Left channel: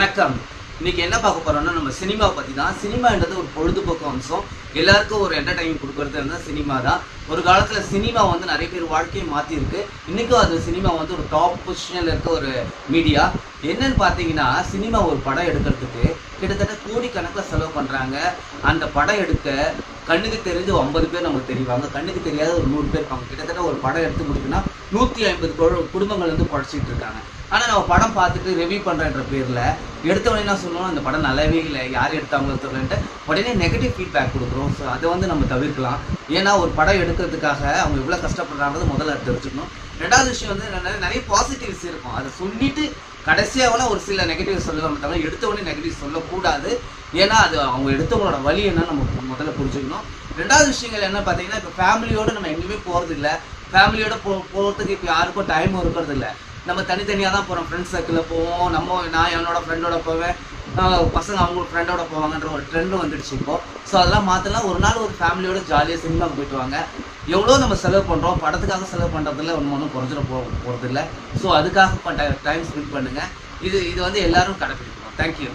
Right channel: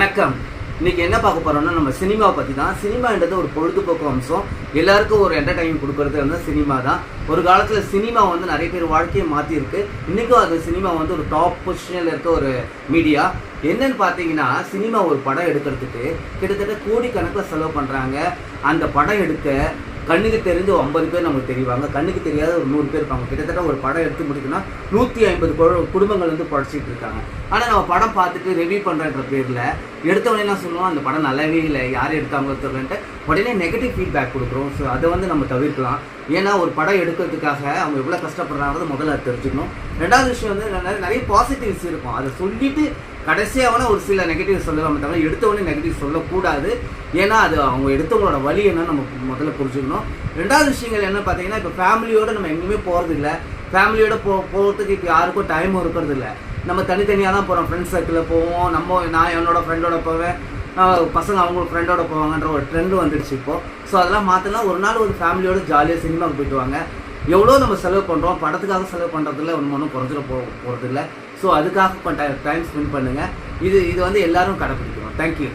வணக்கம். இன்னைக்கு என்ன பார்க்க போறோம்னா நம்ம சினிமா பத்தி தான். சினிமான்றது ஒரு பொழுதுபோக்கு அம்சம். எல்லாருக்கும் ஒரு என்டர்டைன்மெண்ட் கொடுக்கறது வந்து சினிமா தான். ஒரு காலத்துல சினிமா வந்து நிறைய பேர் வாழ்க்கையை மாத்தி இருக்கு. இன்னைக்கும் அந்த சினிமா வந்து ஒரு டாப் பொசிஷன்ல இருக்க ஒரு மீடியா. என்னன்னு பார்த்தீங்கன்னா, சினிமா ஒரு படம் எடுக்கிறதுக்கு கிட்டத்தட்ட கோடிக்கணக்கில் செலவு பண்றாங்க. அந்த படம் எடுக்க கண்ணுக்கு தெரிஞ்சு 50 பேர் நமக்கு தெரிவாங்க, கண்ணுக்கு தெரியாத ஒரு 100 பேர் இருப்பாங்க. கிட்டத்தட்ட ஒரு படம் எடுத்து முடிக்குன்னா 150 குடும்பங்கள் வந்து படைச்சிட்டு இருக்காங்க. ஆனால் நம்ம படம் பார்த்துட்டு ரிவ்யூ பண்ணுறன்ற பேரில் எடுத்தவொடனே என்ன சொல்லுவோம், அந்த படம் நல்லாவே இல்லை, யார் எடுத்தாங்களோ தெரியலன்ட்டு உடனே நெகட்டிவ் ஃபீட்பேக் கொடுக்குறோம். ஸோ அதை வந்து நம்ம தவிர்க்கலாம். ஏன்னா ஒரு படம் எடுக்கிறதுக்காக அவங்க எவ்வளோ கஷ்டப்படுறாங்கிறது முதல்ல தெரிஞ்சுக்கணும். ரெண்டாவது விஷயம் வந்து நிறைய பாசிட்டிவ்ஸ் இருக்கும். அதை சொல்லிட்டு கடைசியாக ஒரு சில நெகட்டிவ் சொல்லலாம், தவிர எடுத்தவொடனே நெகட்டிவ் சொல்லக்கூடாது. ஏன்னா அது அவங்க எடுத்தவங்களோட வழி என்னன்னு நம்ம முதல்ல புரிஞ்சுக்கணும். ரெண்டாவது விஷயங்கள் என்ன பார்த்தீங்கன்னா, இப்போ ஃபேமிலியோடு நம்ம எங்கேயுமே போகிறது இல்லை. ஃபேமிலியோடு போகிறதுக்கு இப்போ யாருக்கும் டைமும் இருக்கிறது இல்லை. நம்ம தனித்தனியாக தான் போகிறோம். ஃப்ரெண்ட்ஸ் சர்க்கிளில் போவோம். நான் என்னோடய ஃப்ரெண்டோட போவேன், பசங்க அவங்க ஃப்ரெண்டோட போவாங்கன்ற ஒரு ட்ரெண்டு வந்துடுச்சு இப்போது. ஸோ அதெல்லாம் மாற்றலாம். ஒரு நாள் ஒரு ஃபேமிலியோடு ஜாலியாக சினிமாவுக்கு போயிட்டு வாங்க. எவ்வளோ நம்ம செலவு பண்ணுறோம், படத்துக்காக செலவு பண்ணுறதுல ஒன்றும் குறைஞ்சிட போகிறது இல்லை. ஸோ அதுக்காக டைம் ஸ்பெண்ட் பண்ணுங்கள். இது வந்து எல்லாரும் கடைப்பிடிக்கணும். தேங்க்யூ.